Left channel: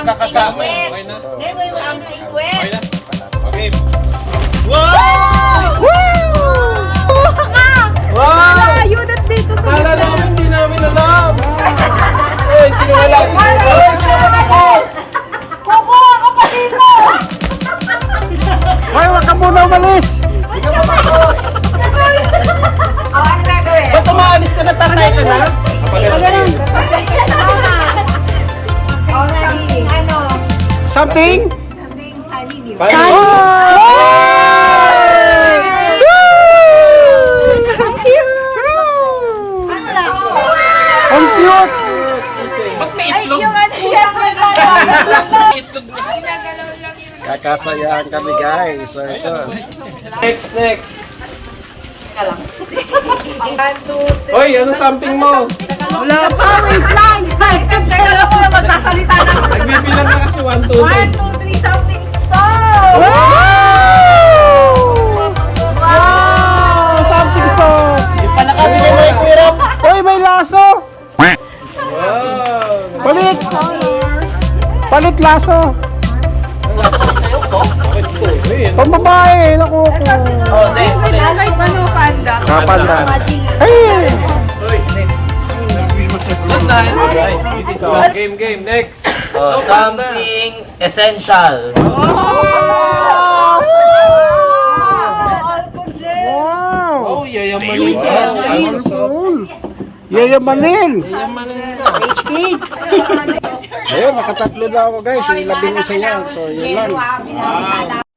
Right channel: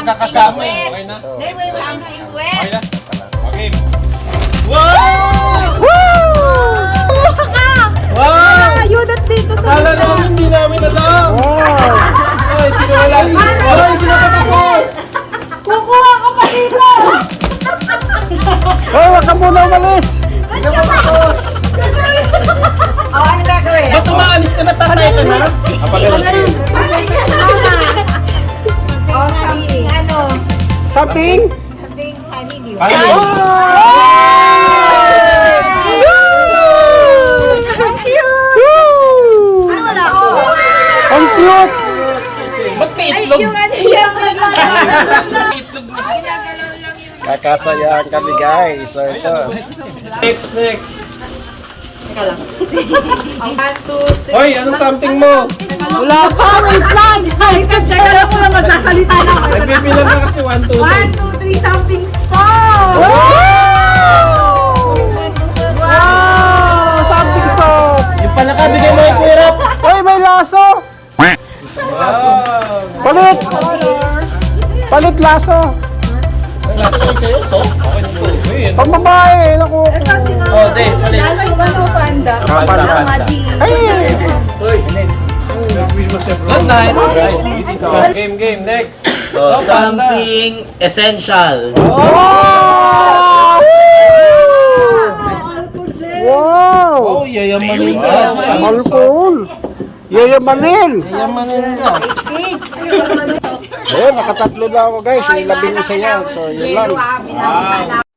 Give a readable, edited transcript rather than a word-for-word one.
magkakasama eh. Okay na. Something wet. Okay. Wow! Wow! Ayudot dito sa Kala namin, hindi namin alam. Eh, sinawala. Ay, hindi na tapos. Kukuha ko pa dito. Hoy, wag ka muna umalis! Ano gagawin? Ba't umaalis ka na, tatay ka na? Something? Something honey, di ba? Paano? Oh! Ang cute! Woo! Wala ko. Ang cute! Ba't may itlog? Kakasayaan kami guys. So ito. Next. Hoy, anong something mo? Wala pa, wait lang! Kaya ko na magsasalita na. Nagbibilang na kasi 1, 2, 1, 2, 3, something stop! Wow! Something soft! Yung pala kami nila. Hoy, may laso! Wow! Palit! Palit laso! Pambabae! Naku! Panda. Mga panda. Hey! Game, next. Something essential. Wow! Wow! Oh, yayamanin ka. Alcohol! Yayamanin! Eh, nakatatlo na ako guys. Yung 11 yan. So, yun lang. Wow.